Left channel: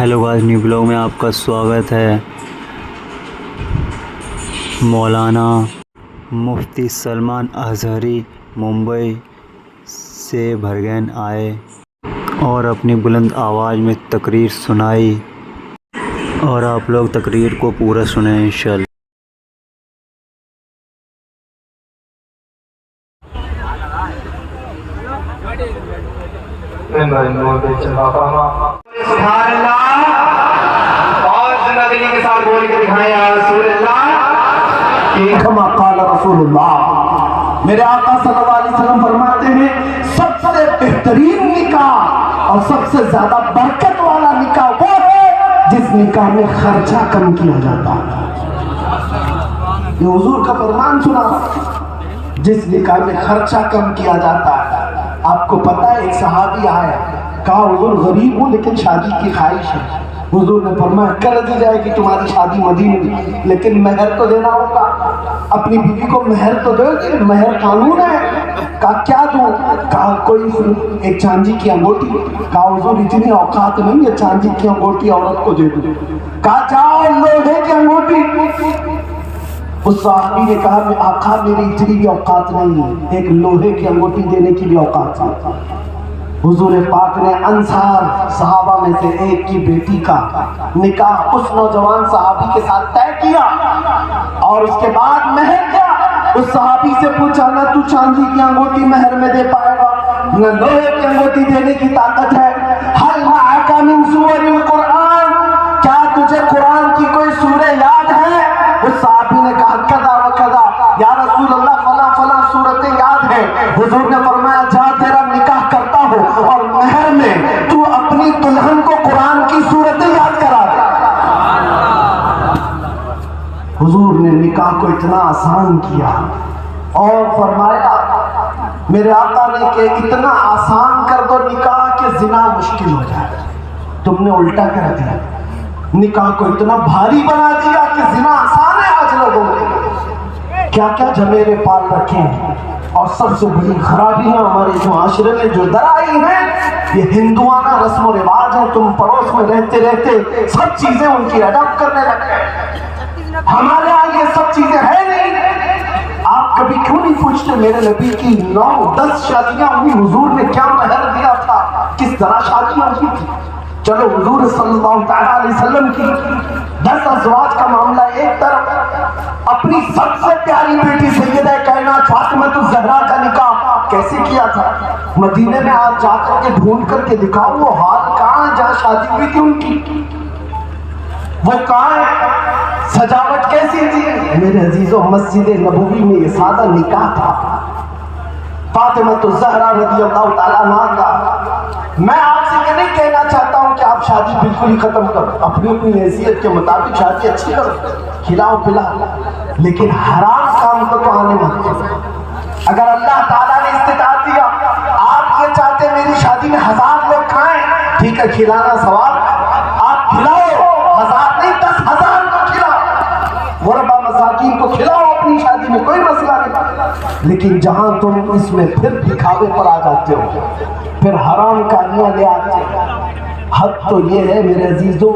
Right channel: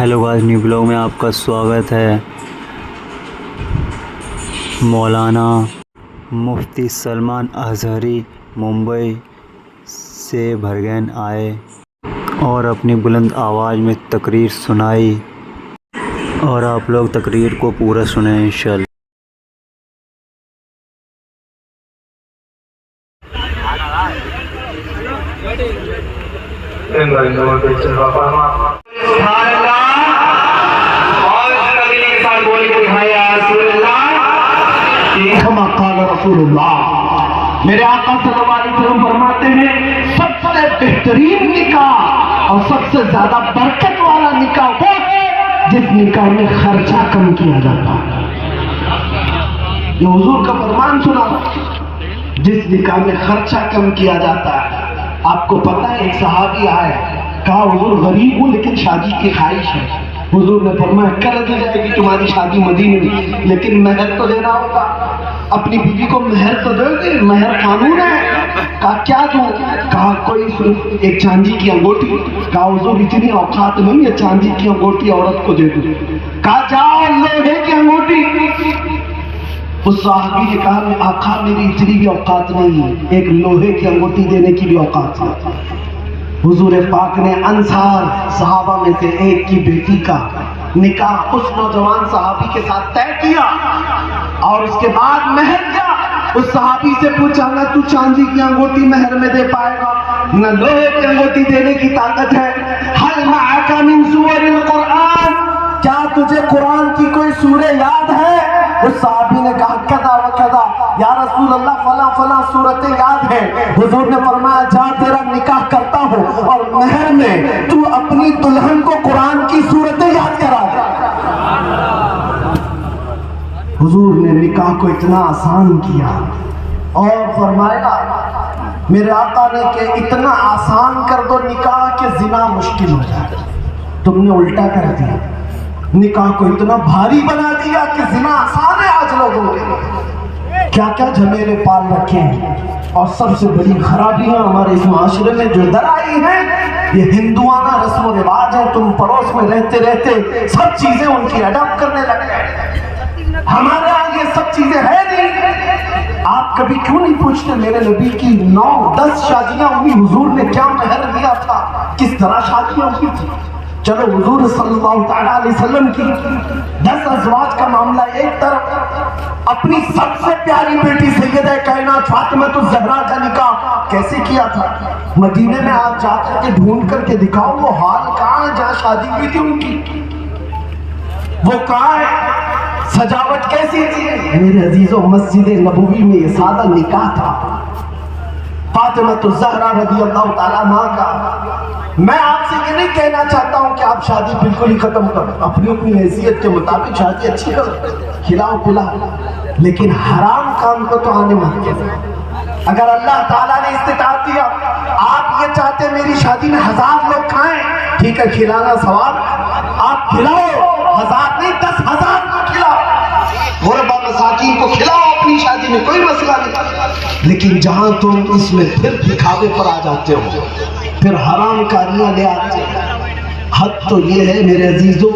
Hello guys, new blog میں آپ کا سواگت ہے۔ مولانا مفتی سلمان اظہری ممبئی سے بھرگین آئے اور اپنی بلند آواز میں تقریر سنائی، اور آپ لوگ تقریر کو پورا سنیں انشاءاللہ۔ رسول اللہ، میرے آقا صلی اللہ علیہ وسلم فرماتے ہیں سب سے بہترین نکاح اور سب سے زیادہ برکت والا نکاح وہ ہے جس نکاح میں خرچہ کم کیا جاتا ہے۔ یہ حضور کا فرمان سنا، جس نکاح میں خرچہ کم کیا جاتا ہے۔ آپ کو پتہ ہے ایک صحابی آیا، کہا حضور غریب ہوں لیکن شادی کی خواہش ہے۔ حضور نے فرمایا کر دی جائے گی تمہاری شادی مدینے میں، لیکن مہر تو دینا ہوگا۔ اپنی بیوی کو مہر تو دو گے، مہر قانون ہے۔ کہا کیا دوں؟ کہا کوئی ایک چاندی کی انگوٹھی۔ کہا حضور اتنی اوقات نہیں ہے چاندی کی انگوٹھی عورت کو دے دوں۔ کہا جاؤ لوہے کی انگوٹھی۔ اس صحابی نے کہا میں آقا میری اتنی بھی اوقات نہیں ہے، ایک لوہے کی انگوٹھی دینے کی بھی اوقات ہے۔ حضور پاک نے انصار صحابہ میں سے ایک کی بیٹی کا نکاح اس نوجوان صحابی کے ساتھ طے کیا، اور اس کے بعد مہر کیا۔ اس صحابی سے پوچھا نہ تو چاندی کی انگوٹھی مہر میں دے پائے گا، نہ لوہے کی انگوٹھی دینے کی طاقت ہے۔ حل معک من سور القرآن، کیا تجھے قرآن کی کوئی سورہ یاد ہے؟ اس صحابی نے کہا کذا و کذا، یا رسول اللہ فلاں فلاں سورتیں یاد ہیں۔ حضور نے فرمایا جا تیرا نکاح کرتا ہو اور مہر میں تو اپنی دلہن کو قرآن کی سورتیں یاد کرا دے۔ حضور نے نکاح کو اتنا آسان کیا اور فرمایا میرے آقا نے کہ اتنا آسان کر دو نکاح کہ زنا مشکل ہو جائے۔ تم نے الٹا کر دیا، نکاح کو اتنا بھاری بنا دیا کہ زنا آسان ہے۔ آج لوگوں نے کیا کیا جھمیلے پال رکھے ہیں، اور سب سے بڑی خرابیاں ہمارے اس معاشرے میں جو در آئی ہیں یہ ہندوانہ رسم و رواج ہے۔ تم پڑوس میں رہتے رہتے سب چیزیں ان کی اڈاپٹ کرنے لگے۔ ہمارے یہاں یہ سب چیزیں ہیں نہیں۔ آپ کبھی کیوں نہیں پوچھتے میرے نبی کی 9-10 شادیاں ہوئی، حضور نے کیا مہر دیا تھا، کس طرح شادیاں ہوئی تھی؟ چلو حضور صلی اللہ تعالیٰ علیہ وسلم کی 10 ازواج کا معاملہ ایک طرف، اپنی سب سے پیاری بیٹی سیدہ کائنات فاطمہ الزہرا کا نکاح کیسے کیا تھا؟ مدینے میں آپ جا کر کے ڈھونڈ کر کے دکھاؤ وہ حال کہاں ہے جہاں شادی ہوئی تھی ان کی، وہ کہاں ہے، سجاوٹ کیسی تھی؟ میرے عزیزوں مسجد نبوی میں یہ سادہ نکاح تھا فاطمہ الزہرا رضی اللہ تعالیٰ عنہا کا۔ میں آپ سے یہ نہیں کہنا چاہتا ہوں کہ آپ شادی بالکل ہی ختم کرو، اپنی اپنی حیثیت کے مطابق شادی اچھی کرو، کھلاؤ پلاؤ، لیکن حرام کام کو تو آنے مت کرو۔ اگر اللہ تعالیٰ نے استطاعت دیا، آپ یہ چاہتے میری شادی میں 1000 لوگ کھائیں، ٹھیک ہے کھلانا ثواب، آپ کھلاؤ 1000 نہیں 10,000 کو کھلاؤ، غربا مساکین کو کھلاؤ اپنی شادی میں، کوئی مسئلہ نہیں۔ لیکن جہاں تم اس میں پھر دکھاوے پر آ جاتے ہو، پھر حرام کاریاں لے آتے ہو، حد تو یہ ہے میرے عزیزوں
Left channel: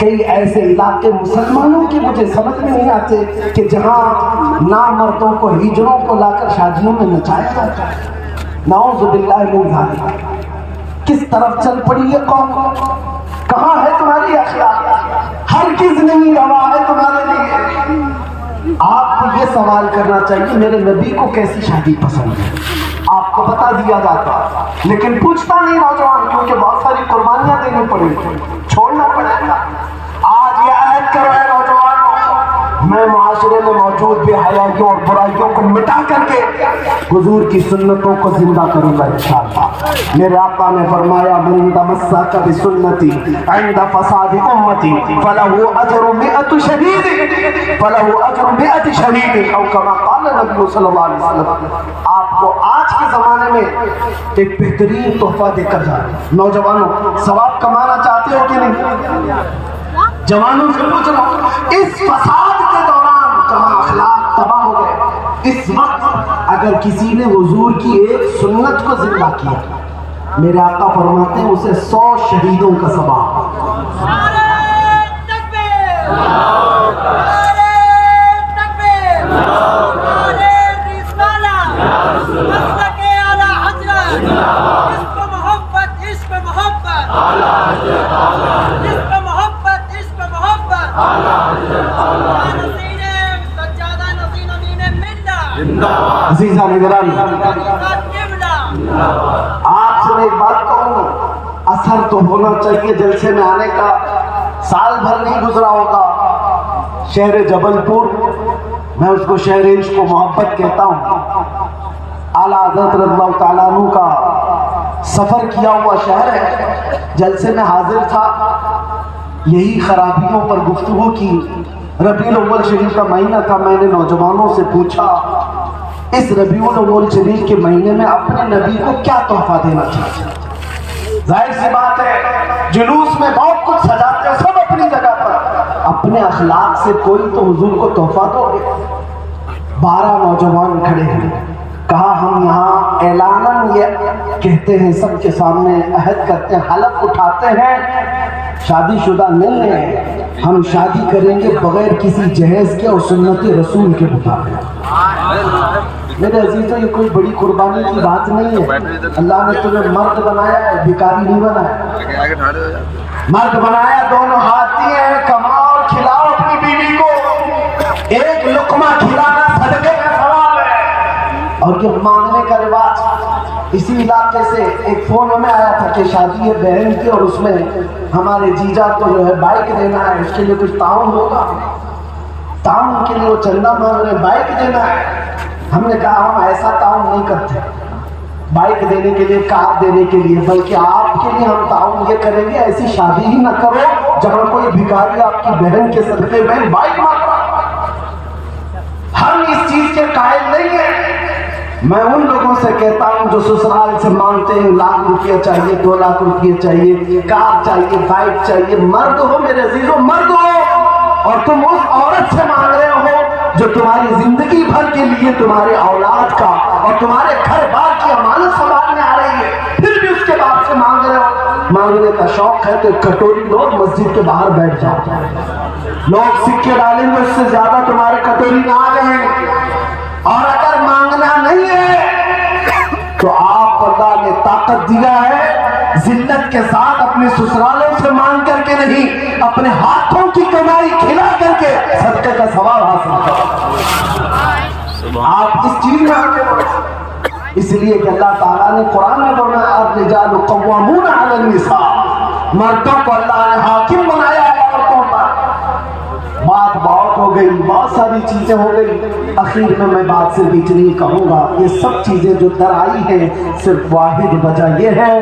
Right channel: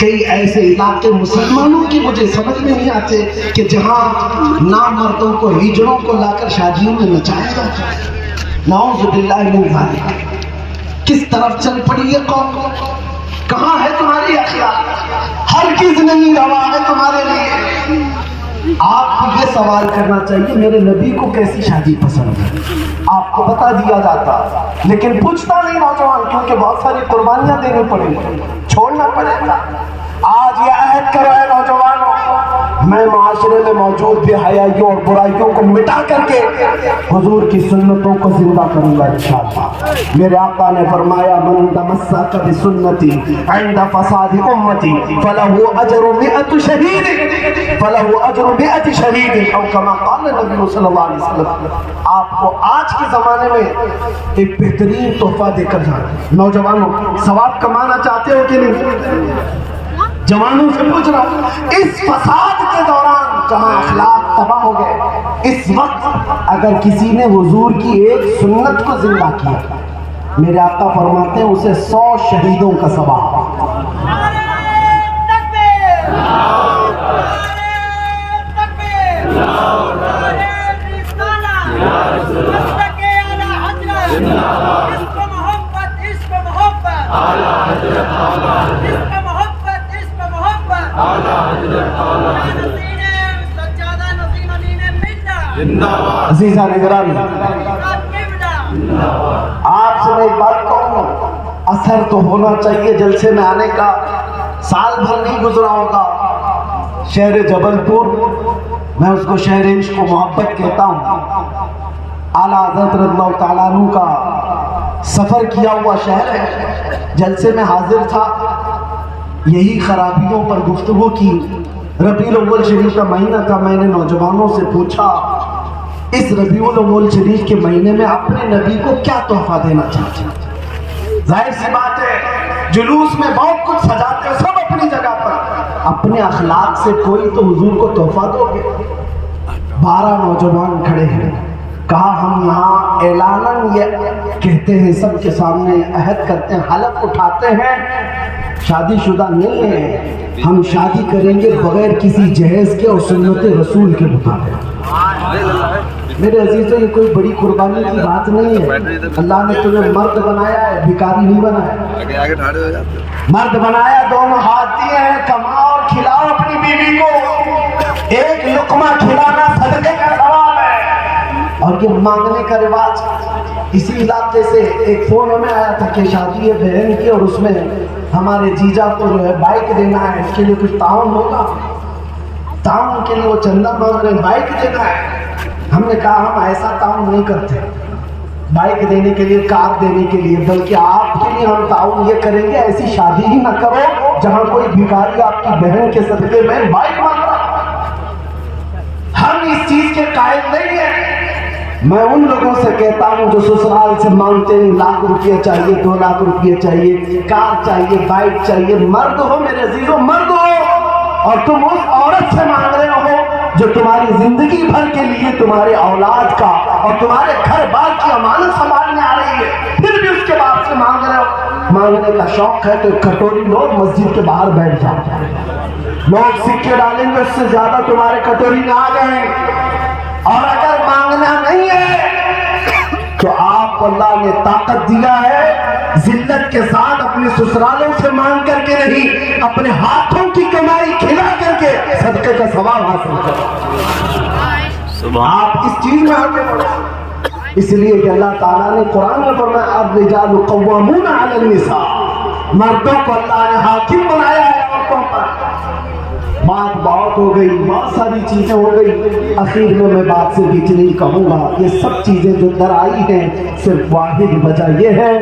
کئی ایسے علاقے مسلمانوں کی مجھے سمجھ میں نہیں آتے کہ جہاں نامردوں کو ہجڑوں کو لا کر شادیوں میں نچایا جاتا ہے۔ نعوذ باللہ من ذالک، کس طرف چل پڑی یہ قوم؟ کہاں ہے تمہاری اخلاق؟ ہرگز نہیں روا ہے تمہارے لیے۔ آپ کو یہ سوال کرنا چاہیے میرے نبی کو کیسی شادی پسند ہے، آپ کو بتا دیا جاتا، لیکن پوچھتا نہیں نوجوان، کیونکہ بہت ساری قربانیاں دینی پڑیں گی، چھوڑنا پڑے گا۔ آج یہ عہد کرو ہے نوجوانوں، میں معاشرے میں موجود بے حیائیوں اور برائیوں کو مٹا کر کے حضور کی سنتوں کو زندہ کروں گا انشاءاللہ۔ میرے آقا نے فرمایا من تمسک بسنتی عند فساد امتی فلہ اجر 100 شہید، فلہ اجر 100 شہید، او کما قال نبی صلی اللہ علیہ وسلم۔ آپ کو آج کے زمانے میں ایک بہترین تحفہ دے کر جائے۔ نوجوانوں ثواب کمانا چاہتے ہو کہ نہیں؟ جوانوں سے پوچھ رہا ہوں، اس فساد کے دوران جہاں اخلاق تباہ ہو گئے، اس وقت اگر کسی نے حضور کی ایک سنت کو زندہ کیا، میرے آقا فرماتے ہیں اسے 100 شہیدوں کا ثواب۔ عشق محبت عشق محبت نسین سجادہ نسین امین ملہ عزیزہ نگرانی، مراد قبلہ آپ سے میں ایک بات کہوں، اثر تو ہونا چاہیے جلسے میں آنے کا، سال بھر نہیں گزرا ہوگا، شہر جبل پور، میں اس کو شہر عشق و محبت کہتا ہوں، اعلیٰ حضرت رضی اللہ تعالیٰ عنہ کا سفر کیا ہوا شہر ہے، جلسے میں حاضر تھا، یہی خرابیوں پر گفتگو کی، ربیع الاول شریف کا مہینہ تھا، میں نے نوجوانوں سے پوچھا اس ربیع الاول شریف کے مہینے میں اپنے نبی کو کیا تحفہ دینا چاہتے ہیں؟ ظاہر سی بات ہے جلوس میں بہت کچھ سجاتے ہیں سب اپنی جگہ پر، اپنے اخلاق سے کوئی تو حضور کو تحفہ دو گے۔ 12 نوجوان کھڑے ہیں، کہا ہم یہاں اعلاناً یہ کہتے ہیں، سب کے سامنے عہد کرتے ہیں، حلف اٹھاتے ہیں، شادی شدہ نہیں ہیں، ہم شادی کریں گے بغیر کسی جہیز کے اور سنت رسول کے مطابق۔ میرے عزیزوں یہ کوئی بڑی قربانی کی بات نہیں ہے، اللہ نے تمہیں مرد بنایا ہے، بھکاری نہیں بنایا، مرد بنایا، دونوں ہاتھ دیے ہیں، کماؤ اور کھلاؤ اپنی بیوی کو، ایک لقمہ کھلانا صدقے کا ثواب ہے، اور یہ مانگنے کا رواج۔ اسی علاقے سے ایک فون ہمیں آیا تھا کہ شادی ہے بہن کی اور اس میں ہمارے جیجا کو جو ہے بائک دینا ہے، اس کے لیے کچھ تعاون ہوگا، تعاون کے لیے وہ چندہ مانگ رہے، بائک دینا ہے۔ ہم نے کہا ہم ایسا تعاون نہیں کرتے بائک دینے کے لیے، کار دینے کے لیے، بلکہ آپ کے لیے ہم تعاون یہ کریں گے ایسی شادی ہی نہ کرو جہاں کوئی بھکاری آپ کی بہن کے صدقے میں بائک مانگ رہا۔ ہم اس چیز کے قائل نہیں ہیں۔ میں ان لوگوں سے کہتا ہوں جو سسرال سے مانگتے ہیں 1 لاکھ روپیہ چاہیے، 2 لاکھ روپیہ چاہیے، کار چاہیے، بائک چاہیے، مرد ہو میرے عزیزوں، مرد ہو، اور تم اس عورت سے مانگ رہے ہو جو تمہاری زندگی بھر کے لیے تمہارے اولاد کا اور تمہارے گھر بار کی امانت سنبھالنے آ رہی ہے، پھر بھی اس کے بعد سے مانگ رہے ہو۔ مانگنے کا شوق ہے تو ایک کٹوری لو، مسجد کے باہر بیٹھ جاؤ، لوگ سکے ڈالیں گے، اس سے زیادہ تمہارے کٹوری میں آ جائیں گے۔ اور اگر مانگنا نہیں ہے تو آپ اللہ نے طاقت دیا ہے، ذلت کے ساتھ اپنے سسرالوں سے مانگ کر کے نہیں، اپنے ہاتھوں کی کمائی کھلا کر کے صدقے کا ثواب حاصل کرو۔ آپ اس چیز میں آگے بڑھو، اس لیے کہ اللہ تعالیٰ نے قرآن میں فرمایا الرجال قوامون علی النساء، مردوں کو اللہ نے حاکم بنایا ہے عورتوں پر۔ بات بہت ہو گئی، بہت ساری چیزیں ہو گئی، اخیر میں میں بات سے بیچ نہیں کہوں گا، یہ سب چیزیں جو در آئی ہیں صرف واحد وجہ یہ ہے،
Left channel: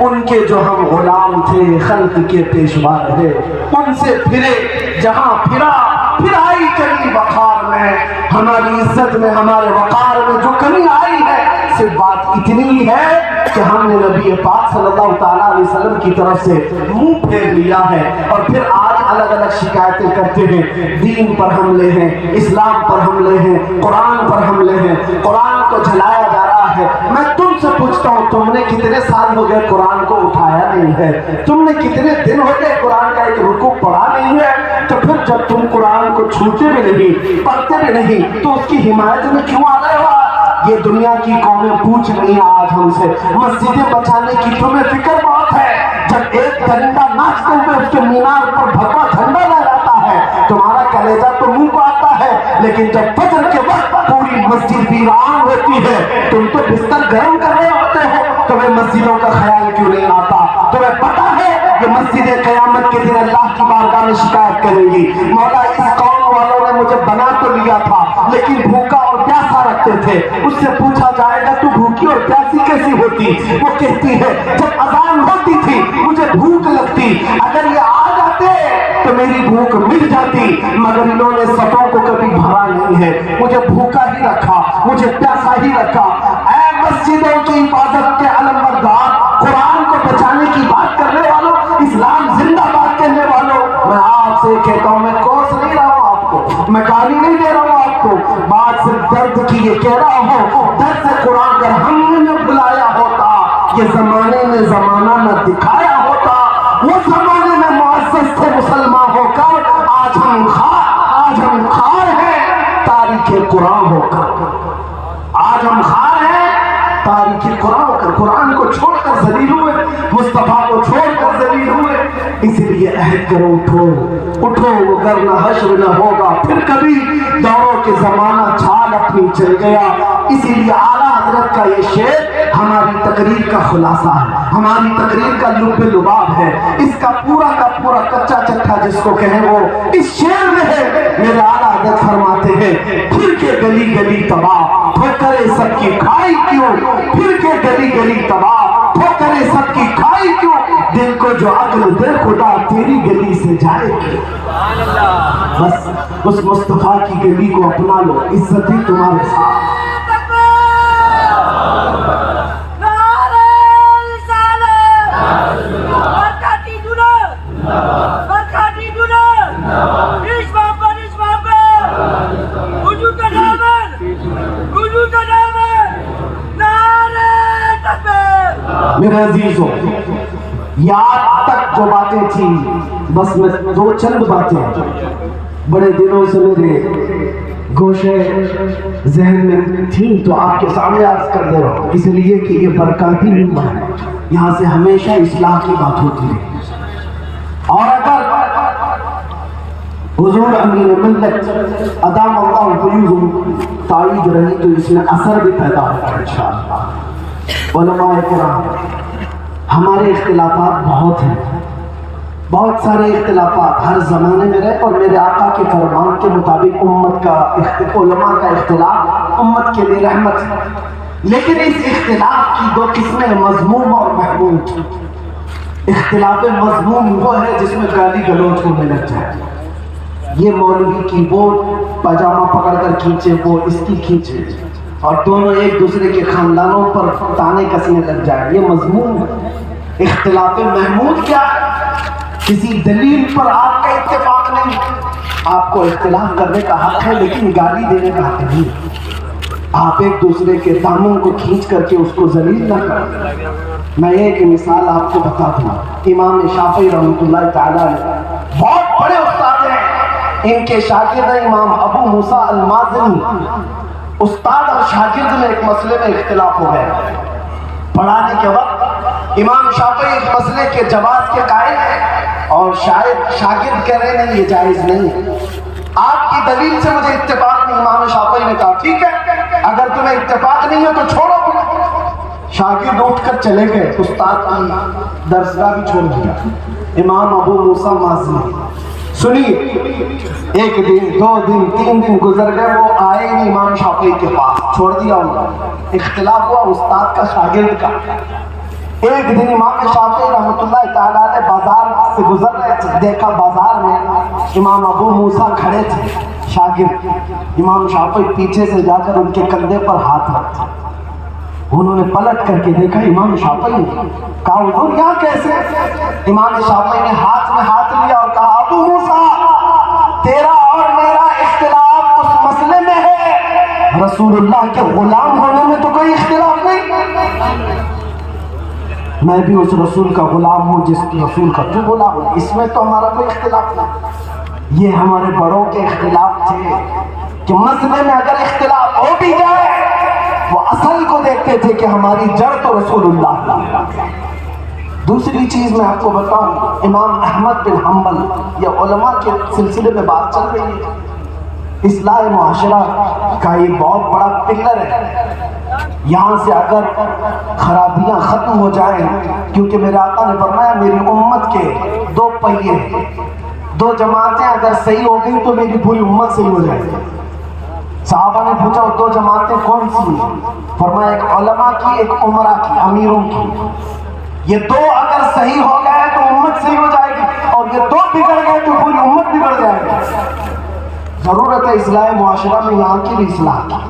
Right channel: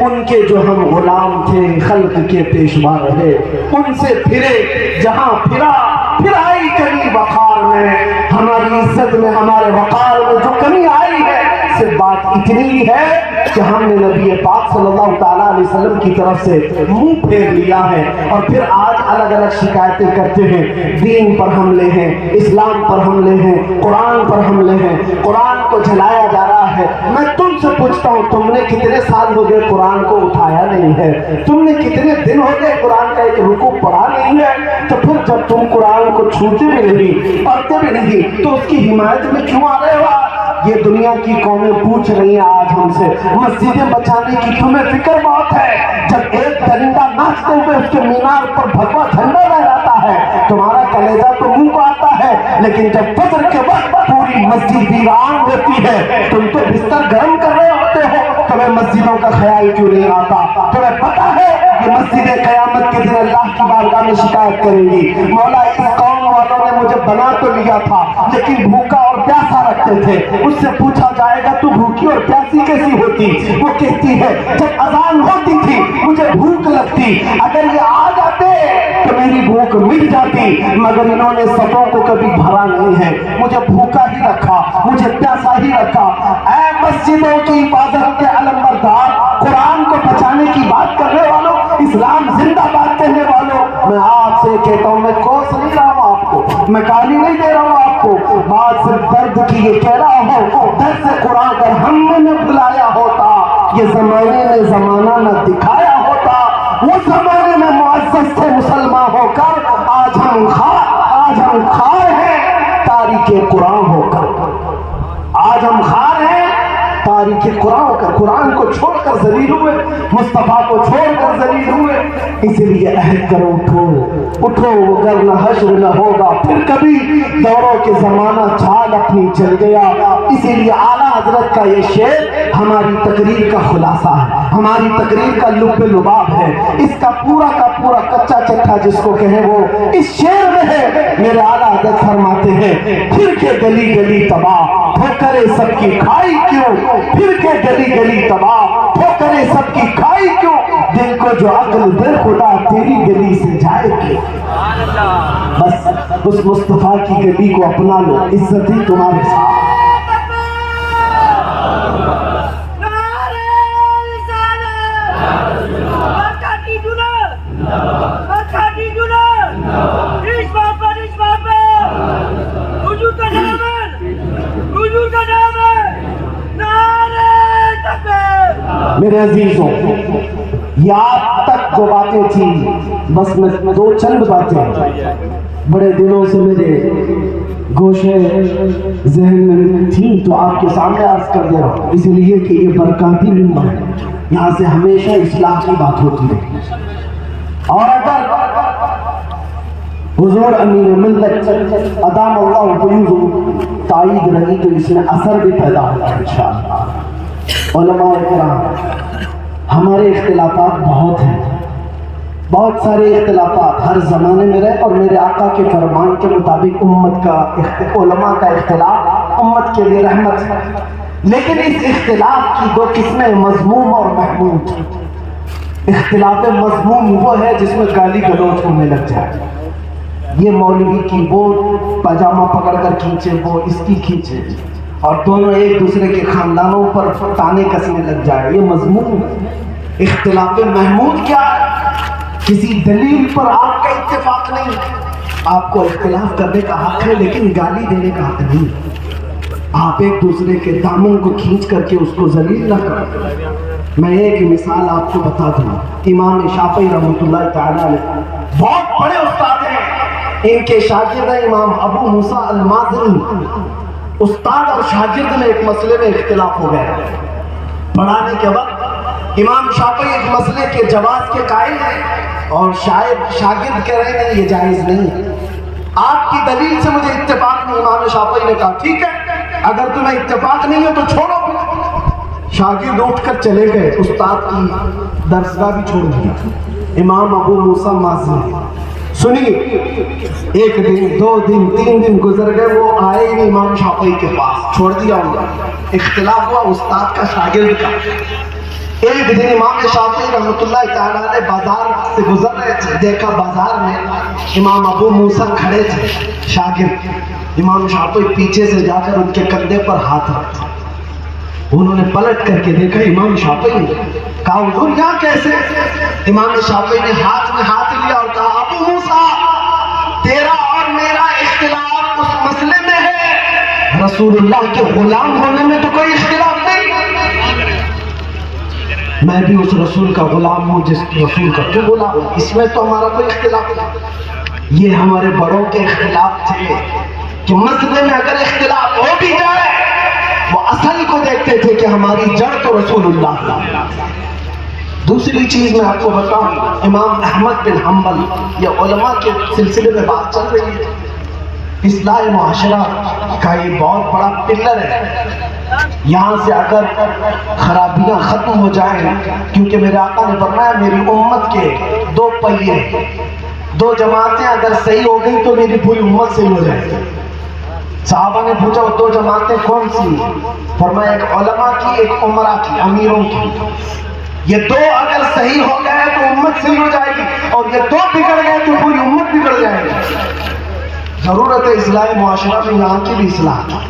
ان کے جو ہم غلام تھے خلق کے پیشوا رہے، ان سے پھرے، جہاں پھرا پھر آئی کمی وقار میں، ہماری عزت میں ہمارے وقار میں جو کمی آئی ہے، صرف بات اتنی ہے کہ ہم نے نبی پاک صلی اللہ تعالیٰ علیہ وسلم کی طرف سے منہ پھیر لیا ہے، اور پھر آج الگ الگ شکایتیں کرتے ہیں، دین پر حملے ہیں، اسلام پر حملے ہیں، قرآن پر حملے ہیں، قرآن کو جلایا جا رہا ہے۔ میں تم سے پوچھتا ہوں تم نے کتنے سال ہو گئے قرآن کو اٹھایا نہیں ہے؟ تم نے کتنے دن ہو گئے قرآن کا ایک رکوع پڑھا نہیں ہے؟ تو پھر جب تم قرآن کو چھوتے بھی نہیں، پڑھتے بھی نہیں، تو اس کی حمایت میں کیوں آ رہے ہو؟ یہ دنیا کی قومیں پوچھ رہی ہیں آج ہم سے، مسجدیں بچانے کی تمہیں فکر بہت ہے، جب ایک درندہ ناچتے ہوئے اس کے مینار پر بھگوا جھنڈا لہراتا ہے تمہارا کلیجہ تو منہ کو آتا ہے، لیکن جب فجر کے وقت پوری مسجد ویران ہوتی ہے تم تو بستر گرم کر رہے ہوتے ہو، تمہیں مسجدوں کا خیال کیوں نہیں آتا؟ تمہیں پتا ہے کہ مسجد قیامت کے دن اللہ کی بارگاہ میں شکایت کرے گی، مولا اس قوم والوں نے مجھے بنا تو لیا تھا لیکن بھوکا اور پیاسا رکھتے تھے، اس سے پوچھا جائے گا تو بھوکی اور پیاسی کیسی ہوتی؟ وہ کہتی ہے جب اذان ہوتی تھی مجھے بھوک لگتی، اگر یہ آ جاتے تو میری بھوک مٹ جاتی، مگر انہوں نے صفوں کو کبھی بھرا نہیں ہے، مجھے بھوکا ہی رکھا، مجھے پیاسا ہی رکھا۔ اے مسجدوں کی حفاظت کے علم بردار، قرآن کو بچانے کی بات کرنے والوں، اسلام زندہ باد کہنے والوں، میں آپ سے کہتا ہوں، میں کوس نہیں رہا ہوں آپ کو، میں گالی نہیں دے رہا ہوں آپ کو، بات صرف درد کی یہ کہہ رہا ہوں، درد سے قرآن اگر ہم نے بلایا ہوتا، یہ زمانے میں زمانہ نہ دکھایا ہوتا، وہ زمانے میں معزز تھے مسلمان ہو کر، آج ہم خار ہیں تاریخ قرآن ہو کر، آج ہم خار ہیں تاریخ قرآن ہو کر، قرآن کو چھوڑ کر ذلیل ہوئے، مصطفیٰ کو چھوڑ کر ذلیل ہوئے، اس لیے عہد کرو اٹھو اٹھو وگرنہ حشر نہ ہوگا پھر کبھی دوروں کے زمانہ چال اپنی چل گیا. اسی لیے اعلیٰ حضرت کا یہ شعر ہماری تقریر کا خلاصہ ہے, ہماری تقریر کا لب لباب ہے. اس کا پورا کچا چٹھا جس کو کہیں وہ اس شعر میں ہے. میرے اعلیٰ حضرت فرماتے ہیں پھر کے گلی گلی تباہ ٹھوکرے سب کی کھائی کیوں, پھر کے گلی گلی تباہ ٹھوکرے سب کی کھائی کیوں, دل کو جو عقل دے خدا تیری گلی سے جائے کیوں. بس اس مصطفیٰ کی گلی کو اپنا لو, عزت ہی تمہارے ساتھ. میرے عزیزوں, یاد تک جو باتیں تھیں بس میں دو چند باتیں بڑے دنوں سے میرے گوشے ذہن میں تھیں تو آپ کے سامنے عرض کر دے رہا ہوں, اس لیے کہ یہ برکاتی ممبر ہے, یہاں سے ہمیشہ اصلاح کی بات ہوتی ہے. اور اگر حضور امیر ملت ادام اللہ فیوز تائید رہی تو اس میں اثر بھی پیدا ہوگا انشاءاللہ. علماء کرام, ہمارے اختلافات بہت ہیں, بہت سارے اختلافات ہر زمانے میں رہے, اور میرے آقا کے فرمان کے مطابق امت کا علماء کا اختلاف امت کے لیے رحمت ہے. لیکن اس اختلاف کی دو قسمیں, مذموم اور محمود. اختلاف مذموم وہ ہے جس میں گالی گلوچ ہونے لگ جائے, یہ مولوی کی وہ پاجامہ پکڑ کر کھینچے, وہ اس کی کھینچے, اور دونوں ایک دوسرے کے خاندانوں پر تانے کسنے لگ جائے, یہ مضمون. اختلاف محمود کیا ہے؟ کسی دلیل پر آپ کا اتفاق نہیں, آپ کو اختلاف کرنے کا حق ہے لیکن گالی دینے کا حق نہیں. آپ ایک دوسرے کے دامن کو کھینچ کر کے اس کو ذلیل نہ کریں. میں ایک مثال آپ کو بتا دوں, امام شافعی رحمۃ اللہ تعالیٰ علیہ بہت بڑے استاد ہیں, ان کے شاگرد امام ابو موسیٰ المازنی. استاد اور شاگرد میں ایک مسئلے میں اختلاف ہو گیا. پڑھانے کے وقت امام شافعی ایک مسئلے کے جواز کے قائل ہیں اور شاگرد کہہ رہے ہیں یہ جائز نہیں, آپ کی دلیل سے مجھے اتفاق نہیں. امام شافعی نے کہا ٹھیک ہے, اگر تمہیں اتفاق نہیں ہے تو چھوڑو. شاگرد اٹھ کر چلے گئے, استاد کی درسگاہ بھی چھوڑ دیا. امام ابو موسیٰ المازنی سنیے, ایک دن, دو دن, تین دن گزر گئے, وہ آئے نہیں امام شافعی کے پاس, چھوڑ دیا انہوں. اختلاف ہوا استاد کا شاگرد کا. ایک دن امام شافعی رحمۃ اللہ تعالیٰ نے بازار سے گزر رہے تھے, دیکھا بازار میں امام ابو موسیٰ کھڑے تھے شاگرد. امام شافعی پیچھے سے جا کر ان کے کندھے پر ہاتھ رکھتے. انہوں نے پلٹ کر کے دیکھا امام شافعی نے, کہا حضور یہاں کیسے؟ امام شافعی نے ہاتھ میں ہاتھ لیا اور کہا ابو موسیٰ تیرا اور میرا اختلاف اس مسئلے میں ہے, رسول اللہ کے غلام ہونے میں تو کوئی اختلاف نہیں. میں بھی اس رسول کا غلام ہوں جس رسول کا تو غلام ہوں, اس میں تو ہمارا کوئی اختلاف نہیں. یہ ہمارے بڑوں کے اختلاف تھے کہ مسئلے میں اگر اختلاف ہو بھی جائے وہ اصل کو دیکھتے تھے کہ ہماری جڑ تو رسول اللہ. دوسری چیز میں آپ کو بتاؤں, امام احمد بن حنبل, یہ علماء کے سلسلے میں بات چل رہی ہے, اصلاح معاشرہ کا یہ بہت بڑا پلر ہے. یہاں سے اگر خرابیاں ختم ہو جائیں, کیونکہ میرے آقا نے فرمایا میری امت کے دو پہیے, دو جماعتیں اگر صحیح ہو گئی تو میری پوری امت صحیح ہو جائے گی. صحابہ نے پوچھا وہ دو جماعتیں کون سی ہیں؟ فرمایا ایک علماء کی, ایک عمرا کی, امیروں کی. یہ دو اگر صحیح ہو گئے تو امت صحیح ہو جائے گی, اور یہ دو بگڑ گئے تو پوری امت بگڑ جائے گی. ضرورت ہے اصلاح معاشرہ میں, یہاں کی بھی اصلاح کی.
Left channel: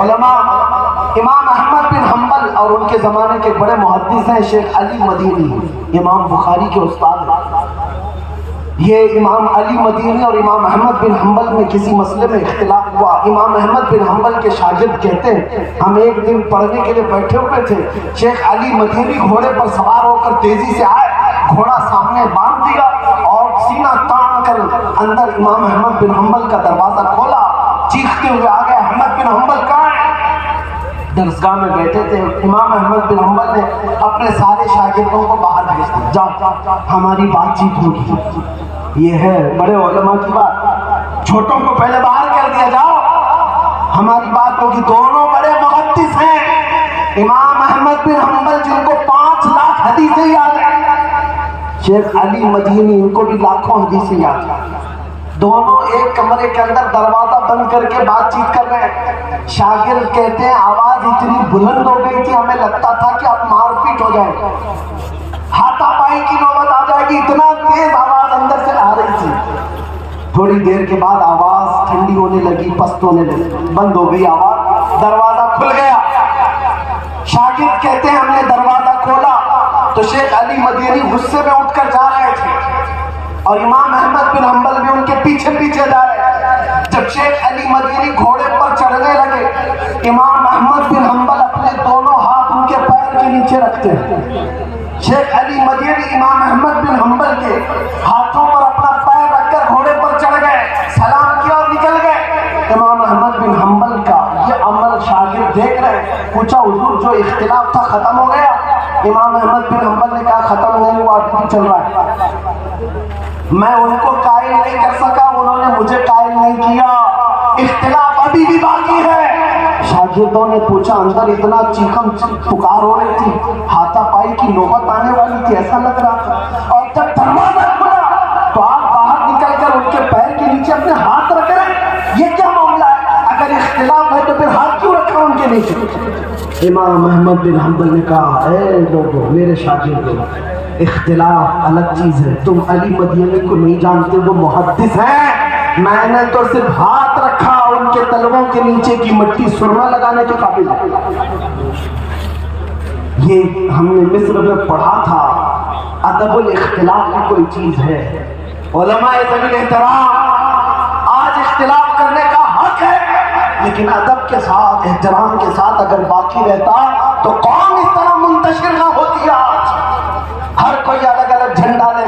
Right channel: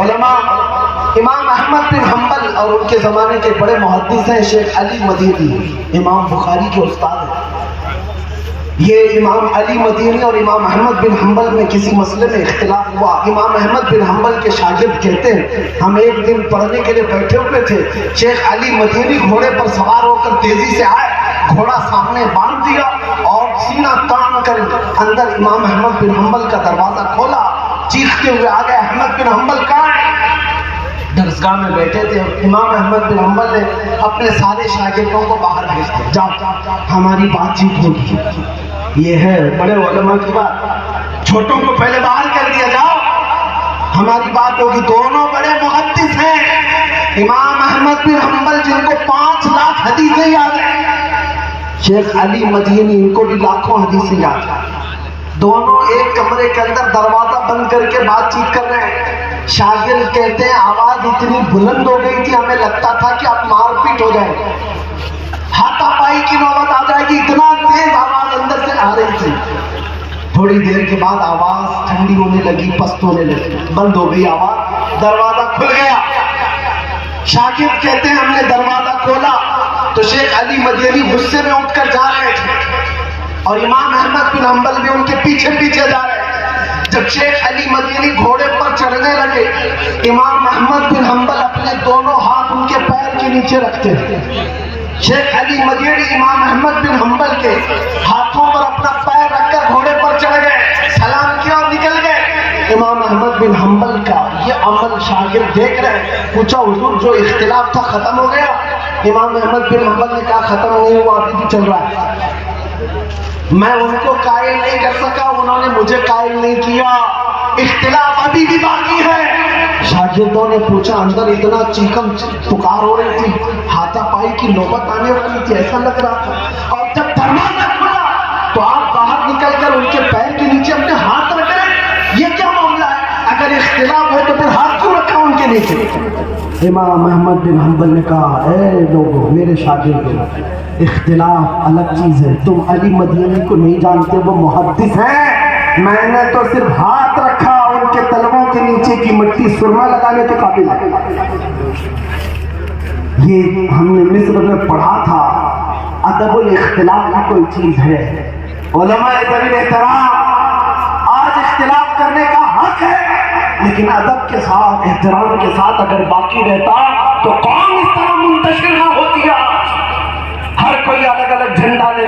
علماء امام احمد بن حنبل اور ان کے زمانے کے بڑے محدث ہیں شیخ علی مدینی, امام بخاری کے استاد ہیں. یہ امام علی مدینی اور امام احمد بن حنبل میں کسی مسئلے میں اختلاف ہوا. امام احمد بن حنبل کے شاگرد کہتے ہیں ہم ایک دن پڑھنے کے لیے بیٹھے ہوئے تھے, شیخ علی مدینی گھوڑے پر سوار ہو کر تیزی سے آئے, گھوڑا سامنے باندھ دیا اور سینہ تان کر اندر امام احمد بن حنبل کا دروازہ کھولا, چیختے ہوئے آ گئے احمد بن حنبل کہاں ہے؟ درسگاہ میں بیٹھے تھے. امام احمد بن حنبل نے اپنے سارے شاگردوں کو باہر بھیج دیا, جاؤ ہماری بات چیت ہوگی. یہ ہے بڑے علماء کی بات, چھوٹوں کو پہلے باہر کر دیا, جاؤ ہماری بات ہوگی. دونوں بڑے محدث ہیں. امام احمد بن حنبل جن کو 5 لاکھ حدیثیں یاد ہیں, شیخ علی مدینی ان کو بھی لاکھوں حدیثیں یاد ہیں. دونوں ایک کمرے کے اندر دروازہ بند کر کے بات چیت کر رہے ہیں. شاگرد کہتے ہیں آواز اتنی بلند ہو گئی تھی ہمیں لگتا تھا کہ اب مار پیٹ ہو جائے, ہاتھا پائی کی نوبت آ جائے گی, اتنا تیز آواز اندر سے آ رہی تھی. تھوڑی دیر کے بعد آواز ٹھنڈی ہونے لگی, پست ہونے لگی, بند ہو گئی آواز, دروازہ کھل گیا. شاگرد کہتے ہیں ہم نے دروازہ کھولا تو شیخ علی مدینی غصے میں اٹھ کر جا رہے تھے اور امام احمد بن حنبل بھی ان کے پیچھے پیچھے جا رہے. جب شیخ علی مدینی گھوڑے پر چڑھنے لگے, امام احمد بن حنبل اپنے دونوں ہاتھ ان کے پیر کے نیچے رکھتے ہیں. شیخ علی مدینی امام احمد بن حنبل کے ہاتھوں پر اپنا پیر رکھ کر گھوڑے پر چڑھ گئے, سلام کیا اور نکل گئے. امام احمد بن حنبل کا یہ عمل شاگرد دیکھ رہے ہیں. پوچھا حضور جو اختلاف تھا ختم ہو گیا؟ امام احمد بن حنبل نے کہا ختم نہیں ہوا, ابھی بھی چل رہا ہے. میں ان کو قائل نہیں کر سکا, انہوں نے مجھے قائل نہیں کیا, اختلاف ابھی بھی باقی ہے. شاگردوں نے پوچھا اندر اتنا چیخم پکار ہو رہی تھی, ہاتھا پائی کی نوبت آنے والی تھی ایسا لگ رہا تھا, اور جب دروازہ کھلا تو آپ باہر نکل کر ان کے پیر کے نیچے اپنے ہاتھ رکھ رہے, یہ کیا معاملہ ہے؟ اگر اختلاف ہے تو پھر ہاتھ کیوں رکھا ان کے نیچے؟ امام احمد بن حنبل نے کہا اے لوگو میرے شاگردوں, اختلاف الگ چیز ہے, تم علی مدینی کو نہیں جانتے, وہ محدث ہیں. میں نے تو صرف ہاتھ رکھا, ان کے تلووں کے نیچے کی مٹی سرما لگانے کے قابل ہے. یہ ہم نے مصر میں پڑھا تھا, ادب الاختلاف کی کوئی چیز ہے. علماء زمین احترام, آج اختلاف کرنے کا حق ہے, لیکن ادب کے ساتھ احترام کے ساتھ اگر باقی رہتا تو قوم اس طرح منتشر نہ ہوتی. ہر کوئی الگ الگ جھنڈا لے